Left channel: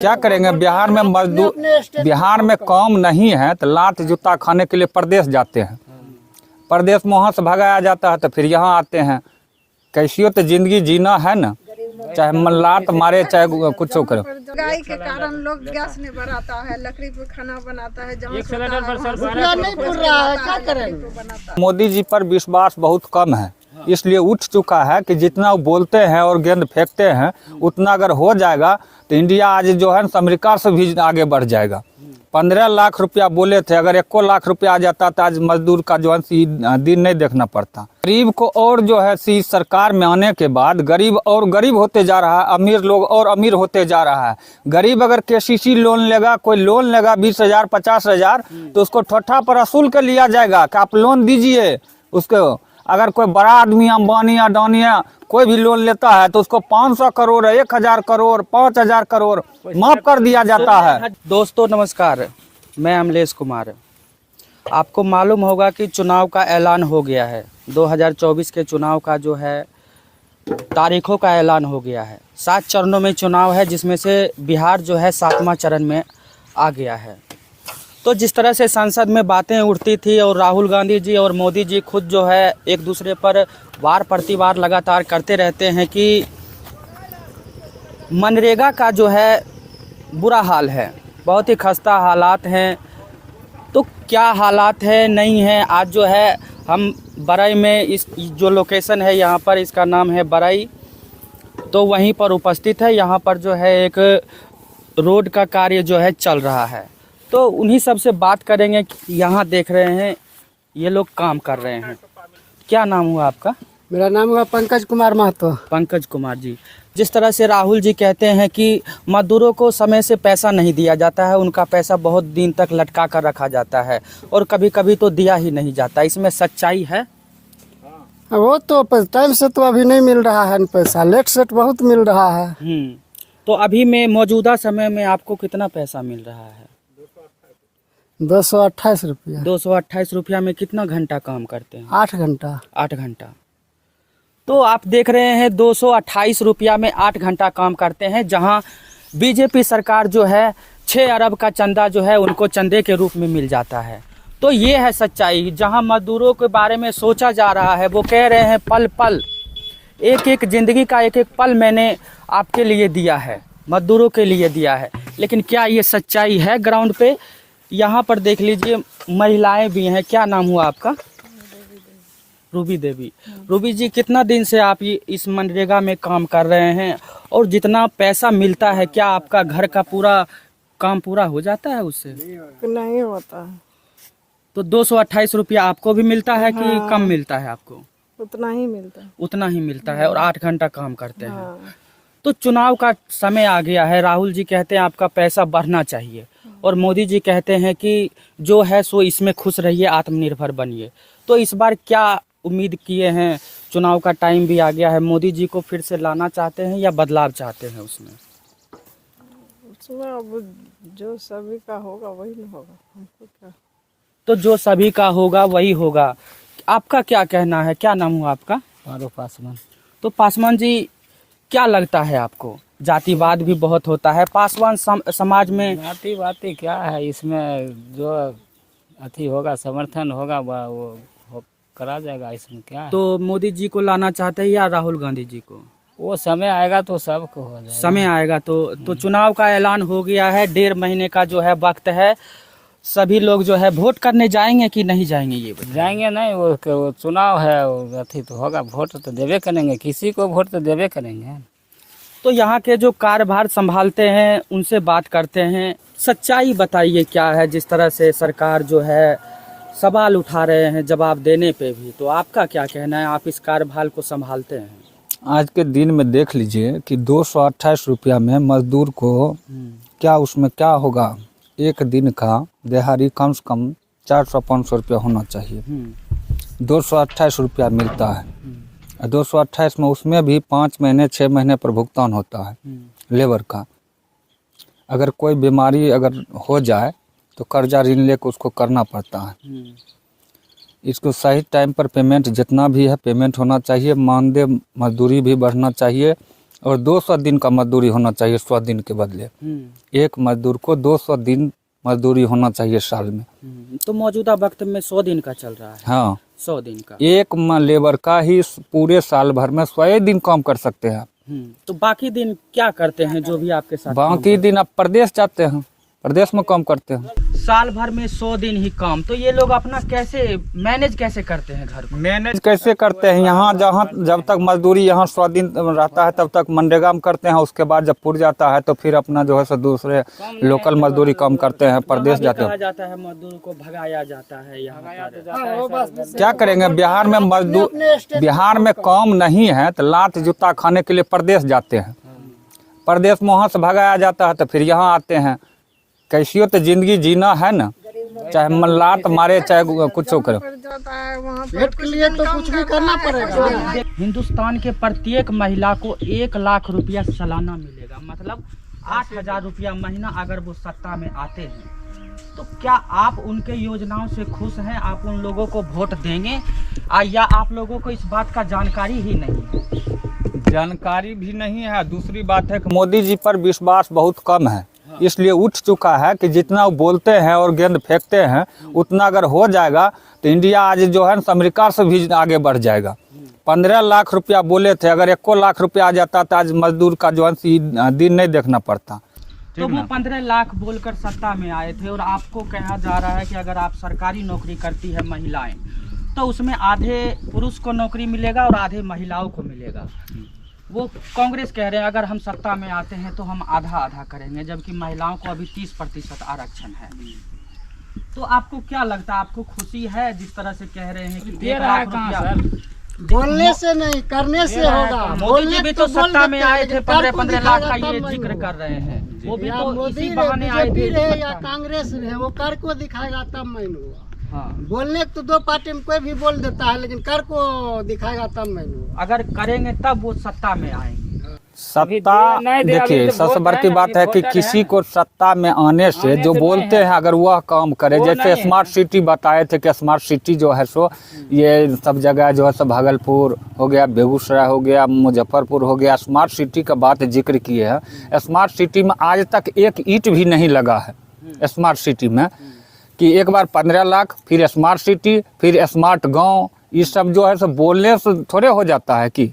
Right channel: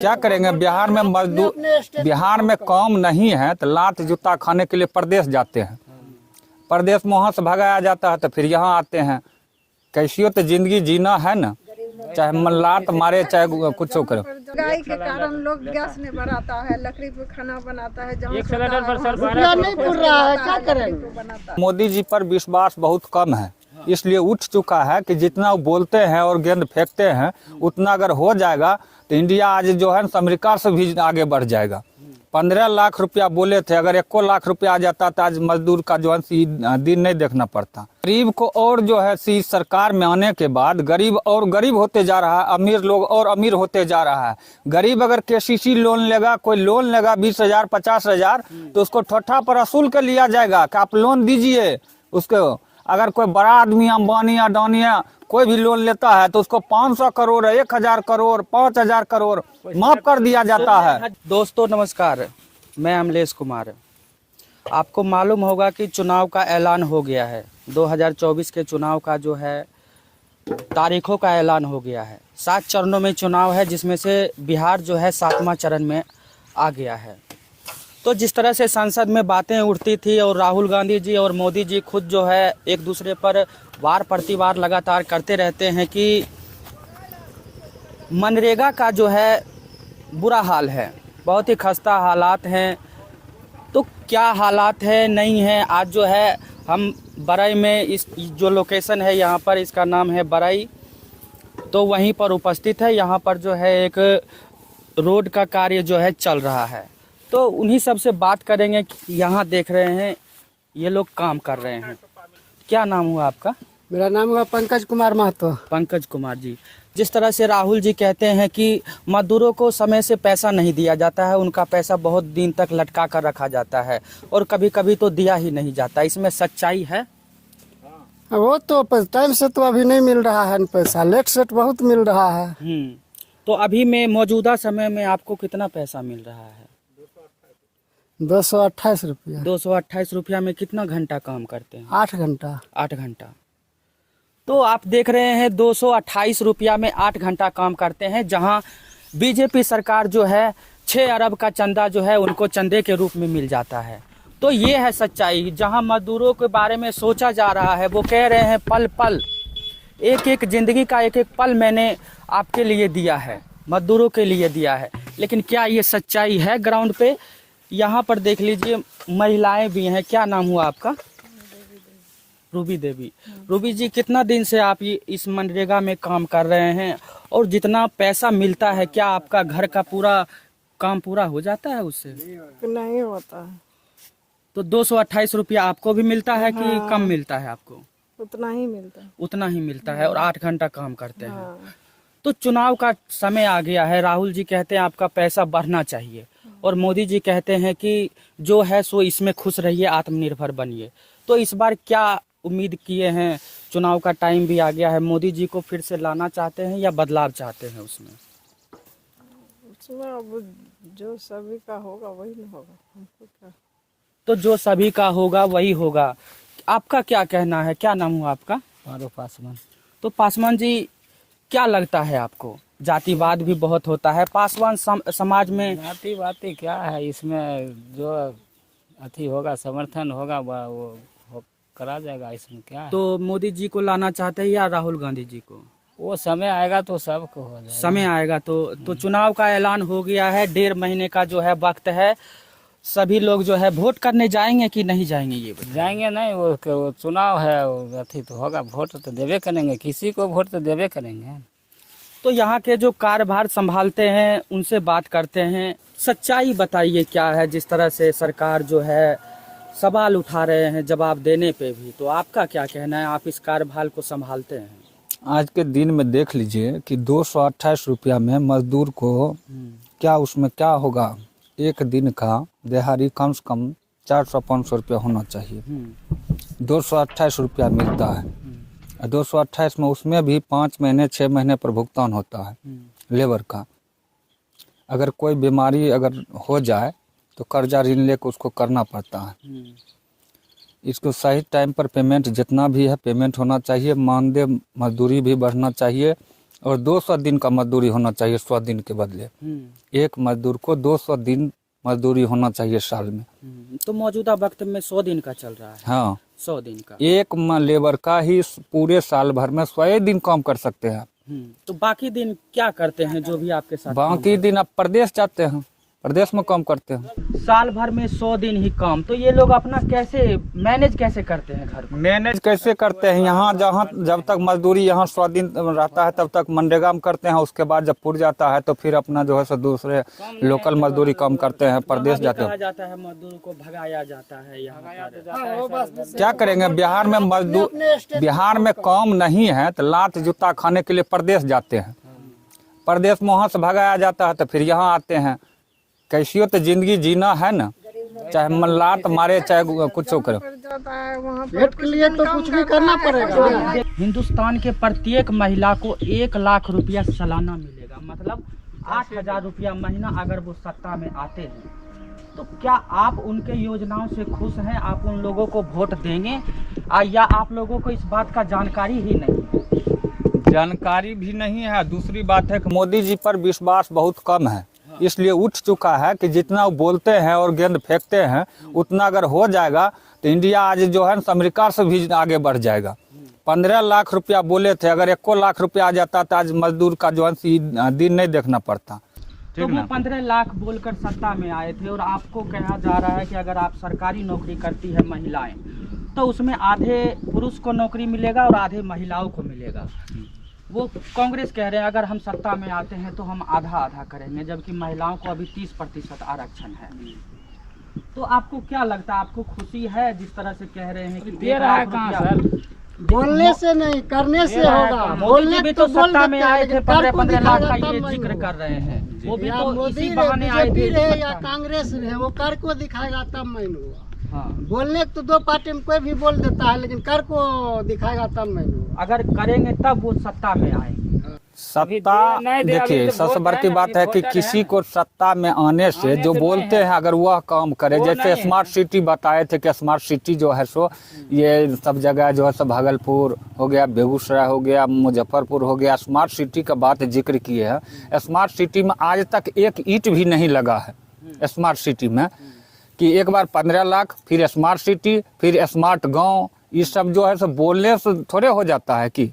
क्या करेंगे। बिहार में मजदूर, बिहार में काम नहीं है तो लात जूता खाने के लिए प्रदेश जाते हैं। प्रदेश में वहाँ से भगाया जाता है तो फिर यहाँ आते हैं। कैसी तो जिंदगी जीना है ना, चाहे लात मारे चाहे कुछ करे। महंगाई के कारण लोग गैस नहीं बनाता है, लकड़ी पे खाना बनाता है। जहाँ नहीं पुर रहा है, क्या करें। मोदी जी पर विश्वास बहुत कम है, इसलिए उठ चुका है कि जितना वो बोलते हैं और गेंद फेंकते हैं उतना अगर हो जाएगा तो इंडिया आज जो है अमेरिका से भी आगे बढ़ जाएगा। 15 लाख रुपया बोले थे, अगर 1 लाख रुपया आ जाता तो आज मजदूर का जो है दिन नहीं देखना पड़ता। गरीब को और जो है इस सरकार में आने के बाद गरीब और गरीब होते जा रहा है, अमीर लोग और अमीर होते जा रहा है। गरीब अगर केसीसी लोन लेगा, कोई लोन लेगा 20,000 50,000 तो उसको ठोठा पर असूल कर लिया जाएगा कि आप लोन दीजिए उसको। अगर कोई बड़ा आदमी अंबानी अडानी कोई भी लोन लेता है तो उसको 500 करोड़ 1,000 करोड़ 5,000 करोड़ माफ कर दिया जाता है। दोस्तों नमस्कार, मैं अमलेश कुमार। आपको मालूम होगा कि चुनाव का ऐलान हो गया है। 2024 के चुनाव का जो है तारीखों का ऐलान हो गया है। 7 चरणों में चुनाव है, जिसमें से बिहार जो है 7वां चरण में आ गया है। तो जिस तरह से संसद में बातें उठती थी और राहुल गांधी जी और मोदी जी खुद जो है एक दूसरे पर वार प्रतिवार लगातार करते रहते हैं कि मनरेगा का जो है बुरा हाल है, बहुत ही खस्ता हालात हैं। तो क्या हालात है नहीं है, आज जो है हम बरई में इस जो लोकेशन है यहाँ पर, इसका नाम है बरई, तो वहीं पर उपस्थित है। यहाँ पर जो है एक रोड का कार्य जो है चल रहा है, तो उन्हीं सब से बात करेंगे। यहाँ देख रहे हैं ये लोग काम कर रहे हैं। क्या नाम हुआ आपका? मेरा नाम हुआ पंकज कुमार महतो। पंकज कुमार जी, जिस तरह से राहुल जी कहते हैं कि मजदूरों को समय से पैसा नहीं दिया जाता है, उनका पैसा बहुत दिन तक लटका कर रखा जाता है और कभी कभी तो दिया ही नहीं जाता, इसमें सच्चाई है? वो तो टाइम से तो अभी नहीं मिल रहा है पैसा, लेट सेट बहुत मिल रहा है। तो अभी में मौजूदा समय में आपको कितना पैसा मिल रहा है? 228 रुपया। 228 रुपया में कितना घंटा काम करते हैं? 8 घंटा। 8 घंटा। तो आप देख रहे हैं 228 रुपया में 8 घंटा काम करते हैं, जहां बीजेपी सरकार जो है 6 अरब का चंदा जो है उनको चंदे के रूप में मिल जाता है। तो ये है सच्चाई। जहां मजदूरों के बारे में सोचा जा रहा है, वो कह रहे हैं पल पल, एक एक जिंदगी का एक एक पल मैंने आपके लिए दिया है, मजदूरों के लिए दिया है। लेकिन क्या ये सच्चाई है ग्राउंड पे? यहाँ पर देख लीजिए महिलाएं भी हैं। क्या नाम हुआ आपका? रूबी देवी। रूबी जी, कितना दिन से आप ये इस मनरेगा में काम कर रहे हैं और जितना पैसा मिलता है क्या आपका घर का पूरा काम पूरा हो जाता है उससे? नहीं होता है। तो 228 रुपया आपको भी मिलता है कि कम मिलता है आपको? उतना ही मिलता है। उतना ही मिलता है और 8 घंटा काम करते हैं। तो चुनाव का समय आ गया है, राहुल जी कहते हैं आपका पैसा बढ़ना चाहिए और मोदी जी कहते हैं कि जो है सो इसमें खुश रहिए, आत्मनिर्भर बनिए। तो इस बार क्या उम्मीद किए हैं? चुनाव का टाइम भी आ गया है, मोदी जी को फिर से लाना चाहते हैं या बदलाव चाहते हैं उसमें? अब जो सभी का होगा वही न होगा, हमको क्या। तो जो सभी का होगा वही होगा। आपका क्या कहना है? क्या नाम हुआ आपका? पासवान। तो पासवान जी, क्या लगता है आपको? जातिवाद भी बहुत होता है पासवान समाज में। जातिवाद क्या है इसमें? जो अथी होगा, समर्थन होगा, वो करा जाएगा, इसमें क्या है? तो मोदी जी को लाना चाहते हैं या राहुल गांधी जी को? वो समय आएगा तो सबको हो जाएगा। समय आएगा तो चुनाव का ऐलान हो गया है, 1.5 महीने का जो है वक्त है। सभी लोग जो है वोट करने जाएंगे कि नहीं जाएंगे? ये जाएंगे नहीं, वो चुनाव है, वो अथी तो होगा, वोट तो देवे करेंगे, किसी को वोट तो देवे करेंगे। तो यहाँ के जो कार्यभार संभालते हैं उनसे बात करते हैं। सच्चाई बताइए क्या है? जिस तरह से सरकार जो है सवाल उठा रहे हैं जवाब देने पे भी, तो आपका क्या कहना है? आप इस कार्यभार को संभालते हैं। आज के दिन में देख लीजिए कि 228 रुपया में मजदूर को क्या उसमें क्या होगा। एक दिन का दिहाड़ी कम से कम 400-500 रुपया होना चाहिए। 228 रुपया मिलता है। 228 में उसमें भी 5 महीने 6 महीने पर भुगतान होता है लेबर का। अगर कोई बीमारी अगर हो जाए तो कर्जा ऋण लेकर उसको करना पड़ता है। इसको सही टाइम पर पेमेंट जितना भी है पेमेंट होना चाहिए। मानदेय मजदूरी भी बढ़ना चाहिए और 200 दिन का मजदूरी होना चाहिए 100 दिन के बदले। एक मजदूर को 200 दिन मजदूरी होना चाहिए साल में। तो मौजूदा वक्त में 100 दिन का चल रहा है। हाँ, 100 दिन का। एक लेबर का ही पूरे साल भर में 100 दिन काम कर सकते हैं। तो बाकी दिन क्या करते हैं जो भी आपके साथ? बाकी दिन आप प्रदेश जाते हैं, प्रदेश में काम करते हैं। साल भर में 100 दिन ही काम, तो ये लोग अपना कैसे मैनेज कैसे करते हैं घर को? मैनेज कैसे करते हैं? यहाँ जहाँ जब तक मजदूरी यहाँ 100 दिन रहता है तब तक मनरेगा में करते हैं। उसके बाद जब पुर जाता है तो फिर अपना जो है सो दूसरे लोकल मजदूरी काम करते हैं, प्रदेश जाते कहा हैं। जाता है मजदूर को भगाया जाता है यहाँ पर। क्या करेंगे? बिहार में मजदूर, बिहार में काम नहीं है तो लात जूता खाने के लिए प्रदेश जाते हैं। प्रदेश में वहाँ से भगाया जाता है तो फिर यहाँ आते हैं। कैसी हो तो जिंदगी जीना है ना, चाहे लात मारे चाहे कुछ करे। जाता है वहाँ पेट के लिए तो कुछ भी करना पड़ेगा। हिंदुस्तान के प्रत्येक महिला को 1 लाख रुपया सालाना मिलेगा, मतलब 8,000 रुपया महीना अगर वो सत्ता में आते हैं। तो क्या आप उनके योजनाओं से खुश हैं? आप उन लोगों को वोट देंगे या आप लोगों को इस बात का जानकारी ही नहीं है? जानकारी भी नहीं है। दूसरी बात है कि मोदी जी पर विश्वास बहुत कम है, इसलिए उठ चुका है कि जितना वो बोलते हैं और गेंद फेंकते हैं उतना अगर हो जाएगा तो इंडिया आज जो है अमेरिका से भी आगे बढ़ जाएगा। 15 लाख रुपया बोले थे, अगर 1 लाख रुपया आ जाता तो आज मजदूर का जो है दिन नहीं देखना पड़ता। तो वो 15 लाख बोलकर सत्ता में आए थे और आपको कहा जा रहा है कि अगर आप सरकारी नौकरी करती है महिलाएं तो उसमें आधे पुरुष को नौकरी मिलेगा और आधे महिलाओं को मिलेगा। वो कांग्रेस कह रहे हैं अगर हम सत्ता में आते हैं तो हम आधा आधा करेंगे, जबकि महिलाओं को अभी 30% आरक्षण है। तो आपको क्या लगता है, आपको खुशी है जिस तरह से कह रहे हैं कि दे रहा है कहाँ सर? बोलने से नहीं करने से होगा। मोदी जी भी तो सत्ता में आए थे, 15 लाख का ये तब जिक्र कर रहे हैं। वो भी या तो मोदी इसी बहाने आए बीजेपी थे रहे या सत्ता में। कांग्रेस रहे, वो कर को दिखाएगा तब मैन हुआ। हाँ, बोलने तो 2 पार्टी में कोई भी बोल देता है, लेकिन कर को दिखाएगा तब मैन हुआ। अगर करेंगे तब वो सत्ता में आएंगे। सत्ता, नहीं दे, देखिए अभी तो सबसे वोट बड़ी है, बात है कि वोटर किसी है। को सत्ता में आने से जो से बोलते नहीं हैं अगर वह काम करे, वो जैसे नहीं है। स्मार्ट सिटी बताए थे कि स्मार्ट सिटी जो है सो ये सब जगह जो है सो भागलपुर हो गया, बेगूसराय हो गया, मुजफ्फरपुर हो गया, स्मार्ट सिटी का बात जिक्र किए हैं। स्मार्ट सिटी में आज तक एक ईंट भी नहीं लगा है स्मार्ट सिटी में, कि एक बार 15 लाख, फिर स्मार्ट सिटी, फिर स्मार्ट गांव, ये सब जो है सो बोलने से थोड़े हो जाता है। कि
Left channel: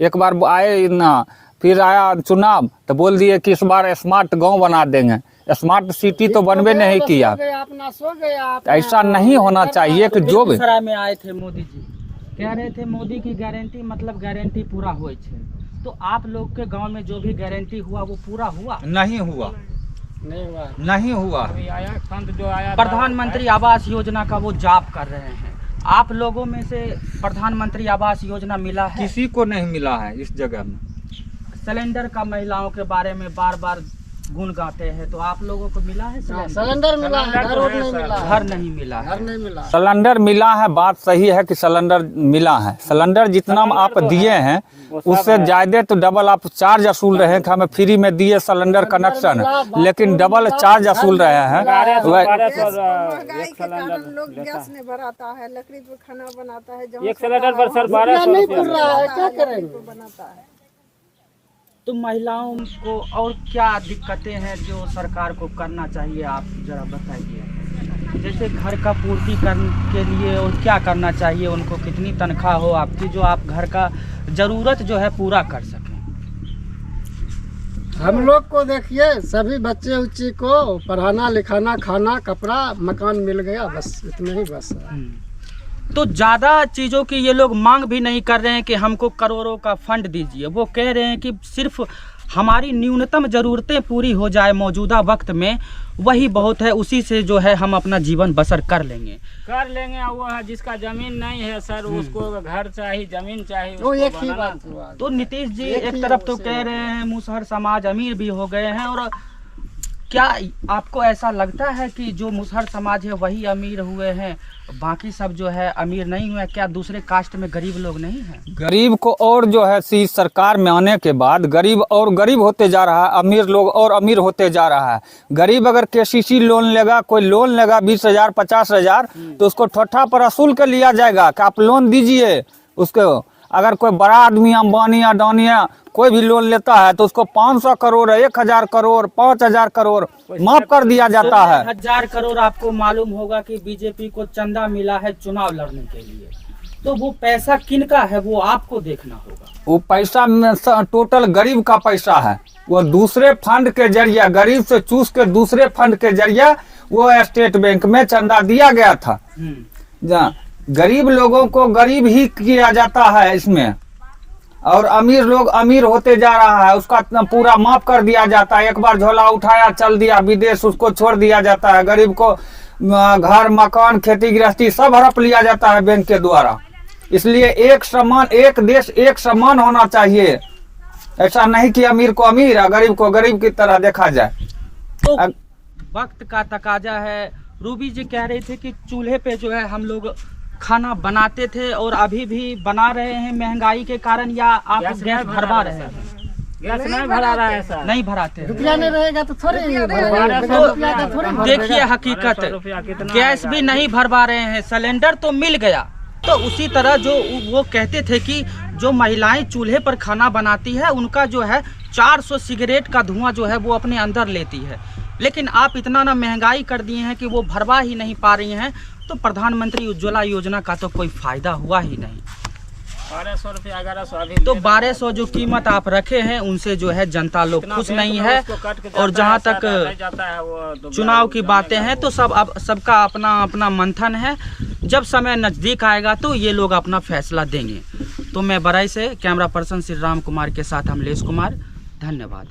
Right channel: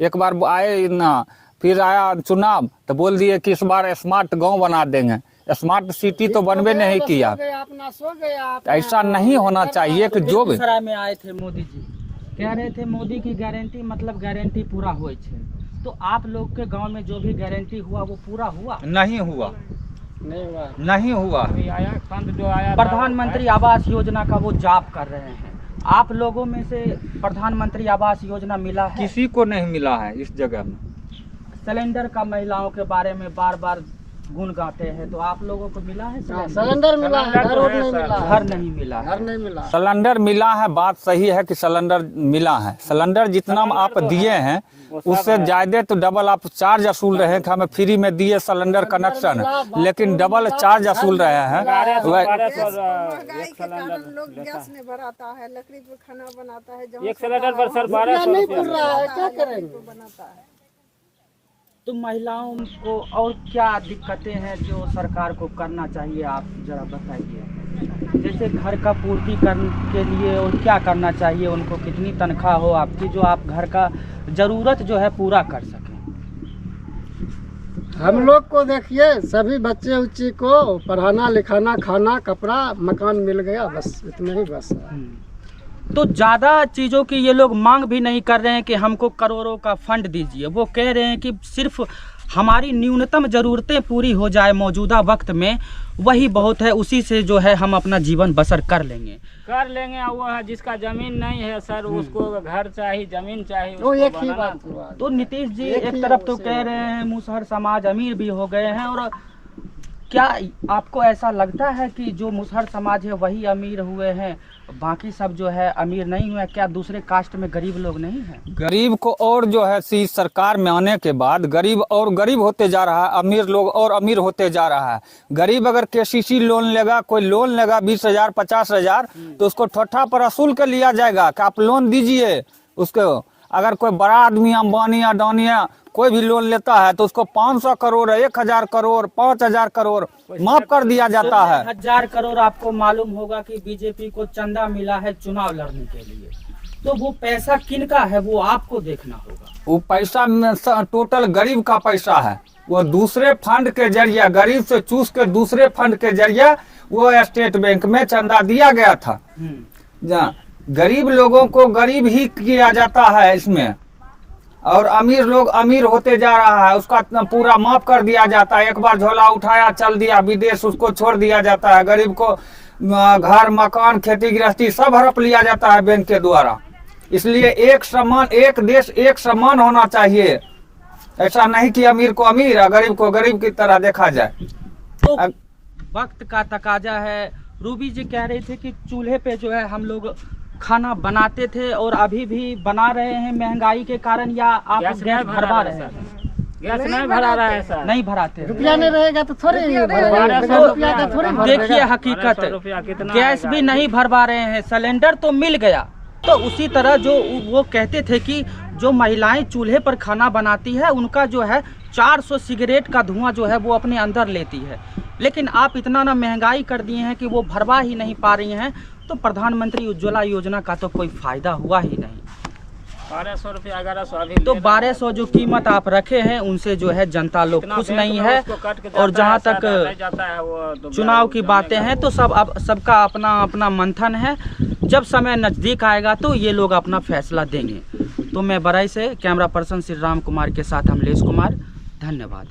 एक बार आए ना, फिर आया चुनाव तो बोल दिए कि इस बार स्मार्ट गांव बना देंगे, स्मार्ट सिटी तो बनबे नहीं किया। अपना सो गया। ऐसा नहीं होना चाहिए कि जो भी बेगूसराय में आए थे मोदी जी, कह रहे थे मोदी की गारंटी मतलब गारंटी पूरा होए छे। तो आप लोग के गांव में जो भी गारंटी हुआ वो पूरा हुआ? नहीं हुआ, नहीं हुआ। अभी आया फंड जो आया था, प्रधानमंत्री आवास योजना का वो जाप कर रहे हैं। आप लोगों में से प्रधानमंत्री आवास योजना मिला है? किसी को नहीं मिला है इस जगह में। सिलेंडर का महिलाओं के बारे में बार बार गुण गाते हैं, तो आप लोगों को मिला है सिलेंडर? सिलेंडर मिला है, घर और नहीं मिला है। घर नहीं मिला है। घर नहीं मिला। सिलेंडर मिला है, बात सही है कि सिलेंडर मिला है। सिलेंडर जितना आप दिए हैं उससे ज्यादा तो डबल आप चार्ज वसूल रहे हैं कि हमें फ्री में दिए सिलेंडर कनेक्शन, लेकिन डबल चार्ज वसूल रहे हैं। महंगाई के कारण लोग गैस नहीं भराता है, लकड़ी पे खाना बनाता है, जहाँ एक सिलेंडर पर सर 1200 नहीं रुपया खुल रहा है, क्या करेंगे? बनाता है। तो महिलाओं को और क्या दिक्कतें हैं जो सरकार को करना चाहिए, आप जरा बताइए। जैसे घर का पूर्ति करने के लिए और क्या करना चाहिए उनको, कितनी तनख्वाह हो आपकी जो आप घर का ज़रूरत जो है पूरा कर सकें? हम लोग को देखिए, सभी बच्चे उच्चे को पढ़ाना लिखाना, खाना कपड़ा मकान मिल गया, बस इतना ही बस है। तो ज़्यादा चीज़ों की ये लोग मांग भी नहीं कर रहे हैं कि हमको करोड़ों का फंड दीजिए। वो कह रहे हैं कि सिर्फ हमारी न्यूनतम ज़रूरतें पूरी हो जाए मौजूदा वक्त में, वही बहुत है, उसी से जो है हम अपना जीवन बसर कर लेंगे। वो है जिसका जमीन नहीं है सर, उसको घर चाहिए, जमीन चाहिए, तो उसको एक ही बनाना बात हुआ। तो नीतीश जी एक एक ही तरफ तो उसे कह रहे हैं मुसहर समाज अमीर भी हो गए हैं, और क्या आपको ऐसा लगता है कि जो मुसहर समाज है वही अमीर हुए हैं, बाकी सब जो है अमीर नहीं हुए? क्या दूसरे कास्ट में गरीब लोग नहीं हैं? गरीब को और जो है सी सरकार में आने के बाद गरीब और गरीब होते जा रहा है, अमीर लोग और अमीर होते जा रहा है। गरीब अगर केसीसी लोन लेगा, कोई लोन लेगा 20,000 50,000, तो उसको ठोठा पर वसूल कर लिया जाएगा कि आप लोन दीजिए उसको। अगर कोई बड़ा आदमी अंबानी अडानी कोई भी लोन लेता है तो उसको 500 करोड़, 1000 करोड़, 5000 करोड़ माफ कर दिया जाता है। 1000 करोड़ आपको मालूम होगा कि बीजेपी को चंदा मिला है चुनाव लड़ने के लिए, तो वो पैसा किनका है वो आपको देखना होगा। वो पैसा टोटल गरीब का पैसा है। वो दूसरे फंड के जरिए, गरीब से चूस के दूसरे फंड के जरिए वो स्टेट बैंक में चंदा दिया गया था। जहाँ गरीब लोगों को गरीब ही किया जाता है इसमें, और अमीर लोग अमीर होते जा रहा है, उसका पूरा माफ कर दिया जाता है। एक बार झोला उठाया चल दिया विदेश, उसको छोड़ दिया जाता है। गरीब को घर मकान खेती गृहस्थी सब हड़प लिया जाता है बैंक के द्वारा। इसलिए एक समान, एक देश एक समान होना चाहिए। ऐसा नहीं कि अमीर को अमीर और गरीब को गरीब की तरह देखा जाए। तो वक्त का तकाजा है। रूबी जी कह रहे थे कि चूल्हे पे जो है हम लोग खाना बनाते थे और अभी भी बना रहे हैं महंगाई के कारण, या आप गैस भरवा रहे हैं? गैस नहीं भरा रहा है सर, नहीं भराते हैं। रुपया नहीं रहेगा तो थोड़ी देखिए हकीकत, गैस भी नहीं भरवा रहे हैं, सिलेंडर तो मिल गया। तो उसी तरह जो वो कहते थे कि जो महिलाएं चूल्हे पर खाना बनाती है उनका जो है 400 सिगरेट का धुआं जो है वो अपने अंदर लेती है, लेकिन आप इतना ना महंगाई कर दिए हैं कि वो भरवा ही नहीं पा रही हैं। तो प्रधानमंत्री उज्ज्वला योजना का तो कोई फायदा हुआ ही नहीं। 1200 रुपया 1100 अभी तो 1200 जो कीमत आप रखे हैं उनसे जो है जनता लोग खुश नहीं है। और जहां तक चुनाव की बातें हैं तो सबका अपना अपना मंथन है। जब समय नज़दीक आएगा तो ये लोग अपना फैसला देंगे। तो मैं बराई से कैमरा पर्सन श्री राम कुमार के साथ अमलेश कुमार, धन्यवाद।